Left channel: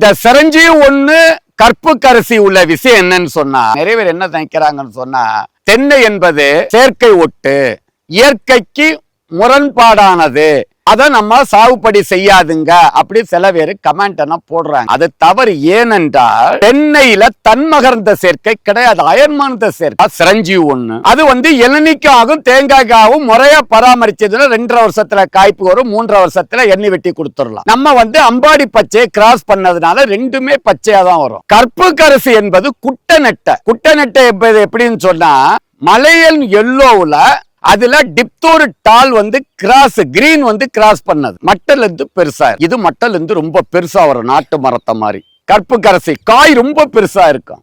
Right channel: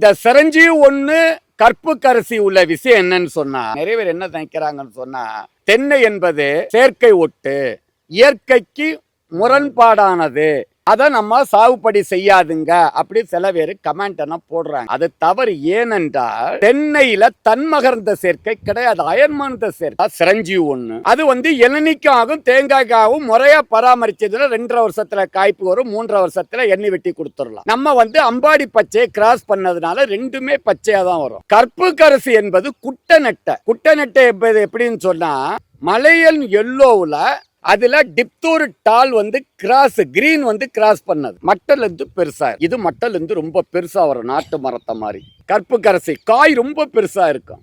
இந்த சிரஞ்சி ஒண்ணு கற்பு கரிசி உள்ள விஷயம் என்னன்னு சொன்னா நிறைய பேர் என்ன நினைக்கிறாங்கன்னு சொன்னா தென்னை என்பது செயற்கை ஒட்டு இயற்கைக்கு முரண்பாடானது. அதை நம்ம சாகுபடி செய்யாதுங்க அப்படி சில பேர் கமெண்ட் எல்லாம் போடுறாங்க. அது தவறு ஏனென்றால் தென்னையில தன்மகர்ந்த சேர்க்கை கிடையாது. அயன்மானத சேர்க்கை. சிரஞ்சி ஒண்ணு. அது வந்து இளநிக்காகவும் தேங்காய்க்காகவும் முறையா பராமரிச்சதுல ரெண்டரை வருஷத்துல காய்ப்பு வரும் மூன்றரை வருஷத்துல எண்ணெய் வெட்டி கொடுத்துடலாம். நம்ம வந்து அம்பாடி பச்சையை கிராஸ் பண்ணதுனால ரெண்டுமே பச்சையா தான் வரும். கற்பு கரசு என்பது குட்டை நெட்டை குட்டை நெட்டை என்பது எப்படின்னு சொன்னா மலையன் எல்லோவுல அதுல டிப்தூர் டால் வந்து கிராஸ் கிரீன் வந்து கிராஸ் பண்ணது. மட்டல் இருந்து பெருசா இது மட்டல் இருந்து ரொம்ப பெருசா வரும் நாட்டு மரத்தை மாதிரி கற்பு கரசி காய் ரொம்ப பெருசா இருக்கும்.